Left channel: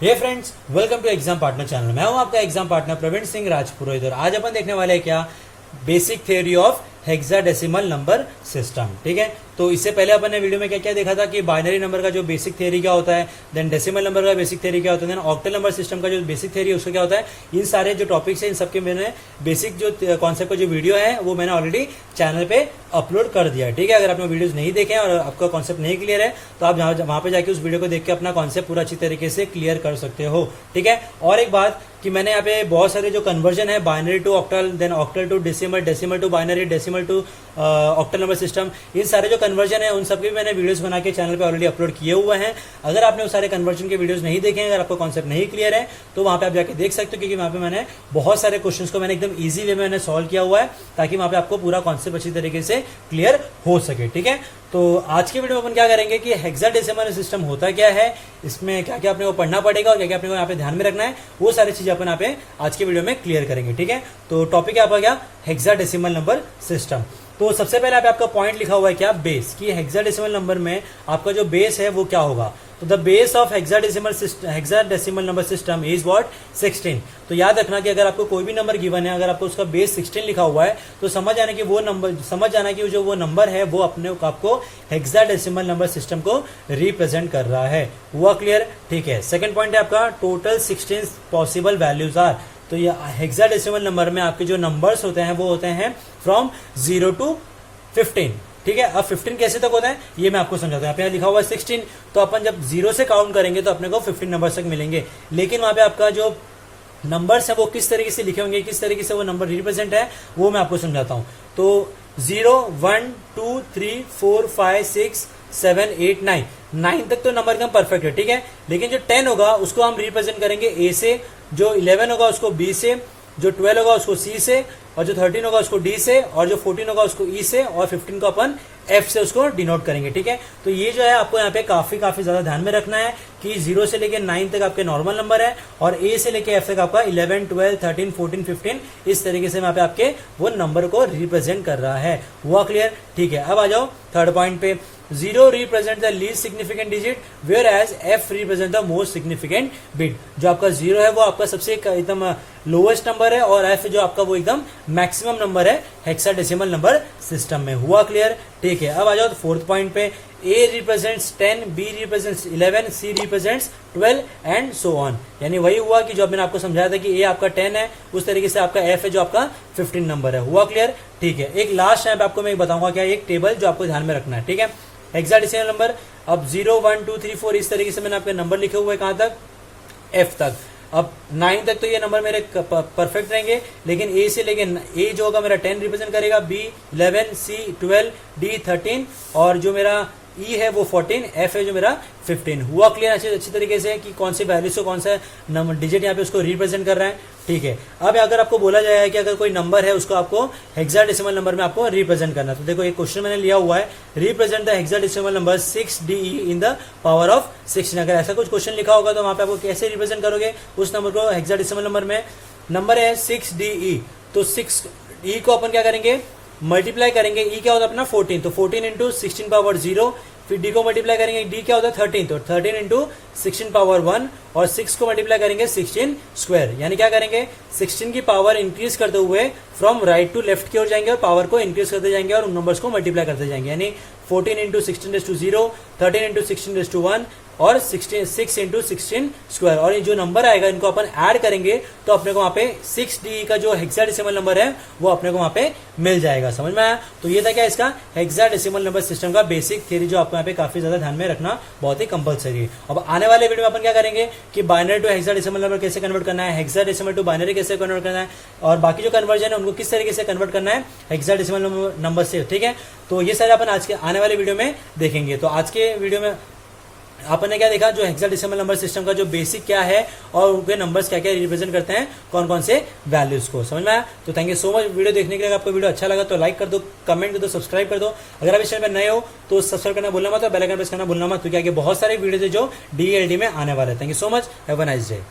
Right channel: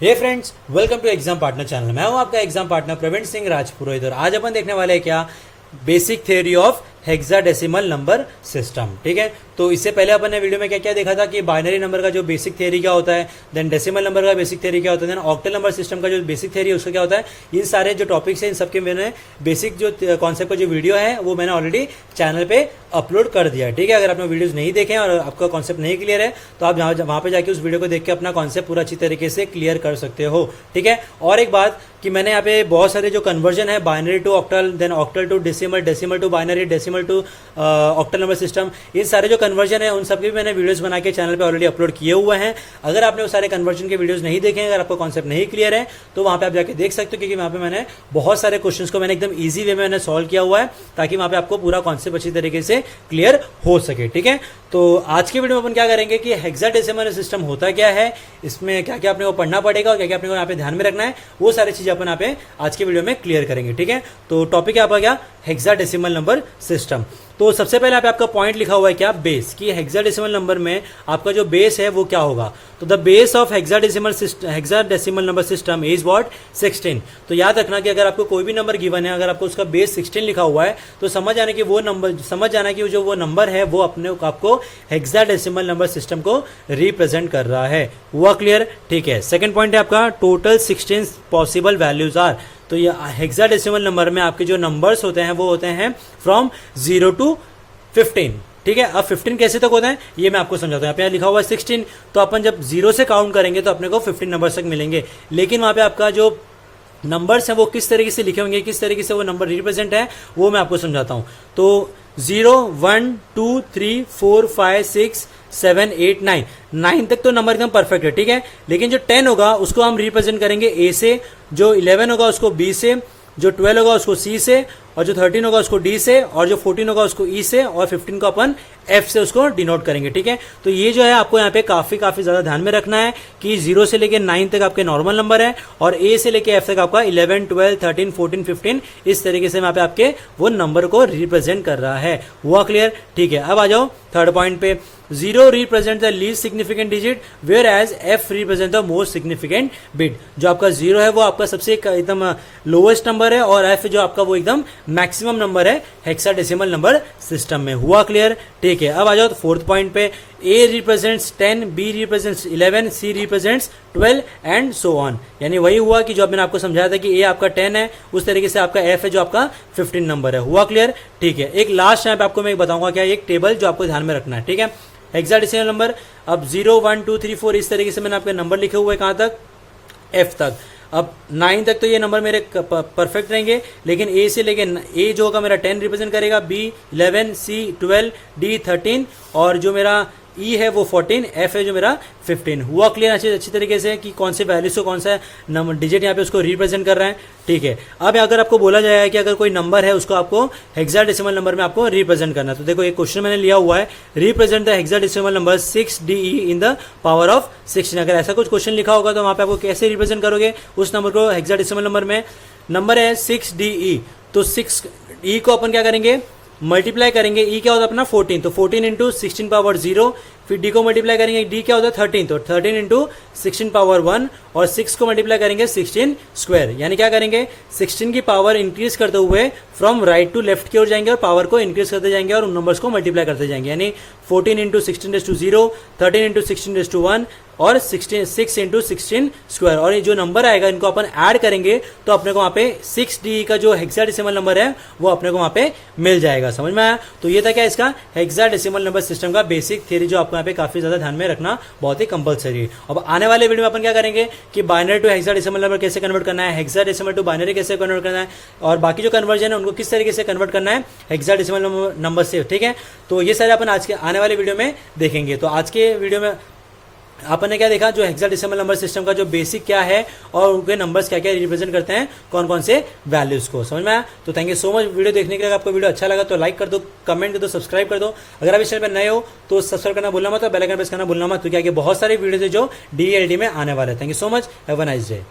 Hey friends, welcome to exam partner channel. मैं हूं आपका एग्जाम पार्टनर प्रवीण सिंह राजपुरोहित और आज अपन देखने वाले हैं क्या basic theory of hexadecimal number system. ठीक है, तो इससे पहले अपन ने वीडियो में क्या क्या देखा था कि बाइनरी नंबर का जो बेसिक थ्योरी क्या होता है, देन डेसिमल नंबर का बेसिक थ्योरी क्या होता है, देन ऑक्टल नंबर सिस्टम का जो बेसिक थ्योरी है उसका क्या होता है। इन सारे जो टॉपिक्स है इन सबके मैंने बेसिक जो कॉन्सेप्ट का जो वीडियो है वो मैंने ऑलरेडी चैनल पे अपलोड कर दिया। ठीक है, अगर आपने वीडियोज नहीं देखे और आपका कॉन्सेप्ट नहीं क्लियर है तो आप वहां पे जाके उस वीडियो को देख के अपना कॉन्सेप्ट पूरा अच्छी तरीके से क्लियर कर सकते हो। ठीक है, और एक बात कि मैंने यहाँ पे बहुत सारे जो कन्वर्जन है binary to octal, then octal to decimal, decimal to binary, decimal to octal number system, इन सारे जो कन्वर्जन है उन सबके भी मैंने वीडियोस बना के चैनल पे ऑलरेडी अपलोड किए हुए हैं। अगर आपने वो सारे कन्वर्जन के वीडियोस नहीं देखे हैं, अगर आपका कॉन्सेप्ट नहीं क्लियर है तो वहां पे आप जाके देख सकते हो, क्योंकि वहां पे मैंने बहुत सारे क्वेश्चंस को मैंने एकदम इजी वे में मैंने सॉल्व किया हुआ है ताकि वहां पे आपको पूरा कॉन्सेप्ट अच्छी तरीके से क्लियर हो सके। ठीक है, तो आज के वीडियो में अपन क्या करेंगे कि हेक्साडेसिमल सिस्टम होता क्या है, इसमें क्या क्या अपने को पढ़ना पड़ेगा और क्या क्या अपने को यहाँ पे ध्यान में रखना है, वो सारी चीजें अपन यहाँ पे आज के वीडियो में क्लियर करेंगे। ठीक है, तो टॉपिक यहाँ पर क्या हेक्साडेसिमल नंबर सिस्टम। तो सबसे पहले आपका पॉइंट लिखा हुआ है क्या बेस, कि हेक्साडेसिमल नंबर में आपका जो बेस है वो क्या होगा। तो the base of hexadecimal number system is what 16। तो याद रखना कि अगर आपको कोई भी नंबर गिवन है, अगर आपको उसका बेस 16 लिखा हुआ है तो समझ जाना कि जो वो नंबर है वो अपने आपको हेक्साडेसिमल नंबर सिस्टम को रिप्रेजेंट कर रहा है। हुआ क्लियर? ठीक है, सेकंड पॉइंट है आपका टोटल 16 पॉसिबल वैल्यूज आर। तो ये हेक्साडेसिमल नंबर में आपके जो नंबर्स होते हैं वो होते हैं फ्रॉम 0 to 15। ठीक है, अब 15 कैसे तक होता है ये मैं आपको समझाता हूं। यहाँ पे लिखा हुआ है 16, तो अपन जब 0 से काउंट करेंगे तो अपने को 15 नंबर्स तक मिलेंगे। लेकिन वहां पे आपका जो नंबर्स है वो किस तरीके से लिखे होंगे, किस तरीके से वो नंबर रिप्रेजेंट है वो मैं आपको समझाता हूं। तो 0 1 2 3 4 5 6 7 8 9 तक तो नंबर एकदम परफेक्ट है। ठीक है, लेकिन जो 10 होगा उसको हम रिप्रेजेंट करेंगे ए से, जो 11 होगा उसको बी से, जो 12 होगा उसको सी से, और जो 13 होगा उसको डी से, और जो 14 होगा उसको ई से, और 15 को अपन एफ से उसको डिनोट करेंगे। ठीक है, तो ये जो है आपको यहाँ पे काफी ज्यादा ध्यान में रखना है कि 0 से लेके 9 तक आपके नॉर्मल नंबर है और ए से लेके एफ तक आपका 11 12 13 14 15 इस तरीके से यहाँ पे आपके वो नंबर को रिप्रेजेंट कर रहा है। हुआ क्लियर? ठीक है, अब आ जाओ थर्ड पॉइंट पे। 0 represent the least significant digit where as F represent the most significant bit. जो आपका 0 है वो आपका सबसे एकदम लोएस्ट नंबर है और एफ जो आपका वो एकदम मैक्सिमम नंबर है हेक्साडेसिमल नंबर सिस्टम में। हुआ क्लियर? ठीक है, अब आ जाओ फोर्थ पॉइंट पे। A represents 10, B represents 11, C represents 12 and so on. यानी वही हुआ कि जो मैंने आपको समझाया था कि ए आपका 10 है, उस तरीके से आपका एफ है जो आपका 15 नंबर है। हुआ क्लियर? ठीक है, एक लास्ट यहाँ पे आपको मैं बताऊंगा क्या एक टेबल जो आपको ध्यान में रखना है। ठीक है, हेक्साडेसिमल नंबर अब 0 1 2 3 4 इस तरीके से मैंने आपके नंबर लिखे हुए कहां तक, एफ तक। अब 9 तक तो ये नंबर मेरे परफेक्ट रहेंगे, लेकिन ए से लेके ए जो होगा मेरा 10 रिप्रेजेंट करेगा, बी 11, सी 12, डी 13 और जो मेरा ई है वो 14, एफ है जो मेरा 15। हुआ क्लियर अच्छी तरीके से कि कौन से वैल्यूज को कौन सा नंबर डिजिट यहाँ पे उसको रिप्रेजेंट कर रहे हैं। ठीक है, अब अगर आपको बोला जाए कि अगर कोई नंबर है उसको आपको हेक्साडेसिमल नंबर में आपको रिप्रेजेंट करना है, तो देखो एक क्वेश्चन मैंने लिया हुआ है, represent the hexadecimal number 6DE in the power of 16। अगर ऐसा कुछ क्वेश्चन लिखा होगा तो वहां पे आपको कैसे रिप्रेजेंट करोगे उस नंबर को हेक्साडेसिमल नंबर में। नंबर है 6DE, तो 6E को अपन क्या करेंगे मल्टीप्लाई करेंगे, ई क्या होता है अपना 14, तो 14 इंटू 16 पावर 0, फिर डी को मल्टीप्लाई करेंगे, डी क्या होता है 13, तो 13 इंटू 16 पावर 1 और 6 को मल्टीप्लाई करेंगे 16 स्क्वायर। यानी क्या करेंगे 16 की पावर इंक्रीज करते हुए फ्रॉम राइट टू लेफ्ट की ओर जाएंगे और पावर को इंक्रीज करते जाएंगे और उन नंबर्स को मल्टीप्लाई करते जाएंगे। यानी 14 इंटू 16⁻0, 13 इंटू 16⁻1 और 6 इंटू 16 स्क्वायर। और ये जो नंबर आएगा इनको अपन ऐड करेंगे तो अपने को वहां पे 6DE का जो हेक्साडेसिमल नंबर है वो अपने को वहां पे मिल जाएगा। समझ में आया? तो ये था क्या इसका हेक्साडेसिमल नंबर सिस्टम का बेसिक थ्योरी जो आपको यहाँ पे काफी ज्यादा ध्यान में रखना बहुत ही कंपलसरी है। अब आने वाले वीडियो में अपन क्या करेंगे कि बाइनरी टू हेक्साडेसिमल नंबर कैसे कन्वर्ट करना है, हेक्साडेसिमल टू बाइनरी कैसे कन्वर्ट करना है और बाकी जो कन्वर्जन है उनको किस तरीके से कन्वर्ट करना है हेक्साडेसिमल नंबर से। ठीक है, तो ये सारे अपन आज के आने वाले वीडियो में देखेंगे। तो आज के वीडियो में अपन ने क्या देखा, जो हेक्साडेसिमल नंबर सिस्टम का जो बेसिक क्या है और उनके नंबर्स क्या क्या रिप्रेजेंट करते हैं, कौन कौन से वैल्यूज को। समझ में आया? तो thank you so much video देखने के लिए। अगर आपको वीडियो अच्छा लगा तो लाइक कर दो, कमेंट कर दो, सब्सक्राइब कर दो। अगर आप इस चैनल पर नए हो तो सब्सक्राइब करना भूलना मत और बेल आइकन प्रेस करना भूलना मत, क्योंकि आगे बहुत सारी वीडियो जो DELD में आने वाले हैं। Thank you so much, have a nice day.